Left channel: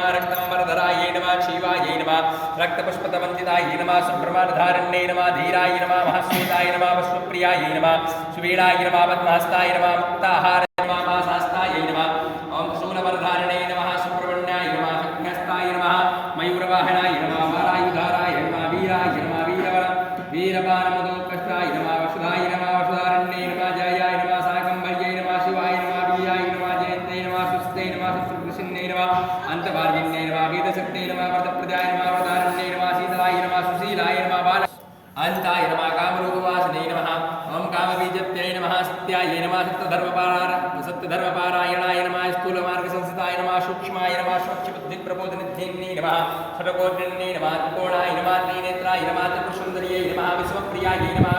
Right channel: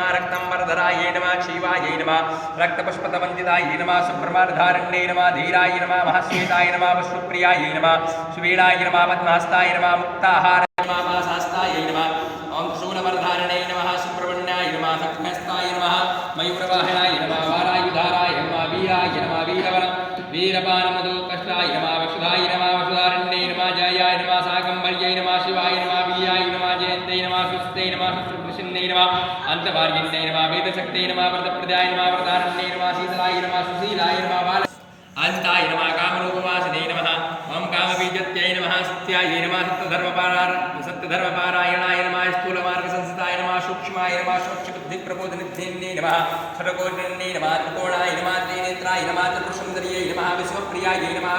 नमः रक्तांबरधराय नमः शिवाय नमः रक्तपुष्पतमंजिताय नमः संप्रमाधारण्ये नमः धीराय नमः महाश्वेताय नमः वस्तुप्रियाय नमः सुवीणाय नमः पद्महस्ताय नमः मुक्ताहाराय नमः महाशास्ताय नमः ओम शूलवर्धारणे नमः सुब्रह्मण्याय नमः शक्तिहस्ताय नमः मयूरवाहनाय नमः वारायुधाराय नमः वीराय नमः वीरबाणमधुकष्टाय नमः वसुधाय नमः वसुधारण्ये नमः जयाय नमः साकम्भर्यै नमः शिवाय नमः वीराय नमः जयन्ते नमः सुस्ते नमः सुप्रसिन्ने नमः अन्तभार्गिन्ये नमः वेदशक्ते नमः व्रतप्रदाय नमः वरदानन्ये नमः शीतलाय नमः सुशीलाय नमः बाल अंताय नमः कामरूपवासिने नमः ओम कामबीजत्यै नमः सत्याय नमः सत्यधर्मपारायणाय नमः स्थूलमार्गसंस्थिताय नमः सूक्ष्माय नमः स्वच्छबुद्धिप्रबोधनिधिन्ये नमः षट्कोटिन्ये नमः त्रिकोणाय नमः त्रिनेत्राय नमः त्रिपुरसुन्दर्यै नमः विश्वप्रियाय नमः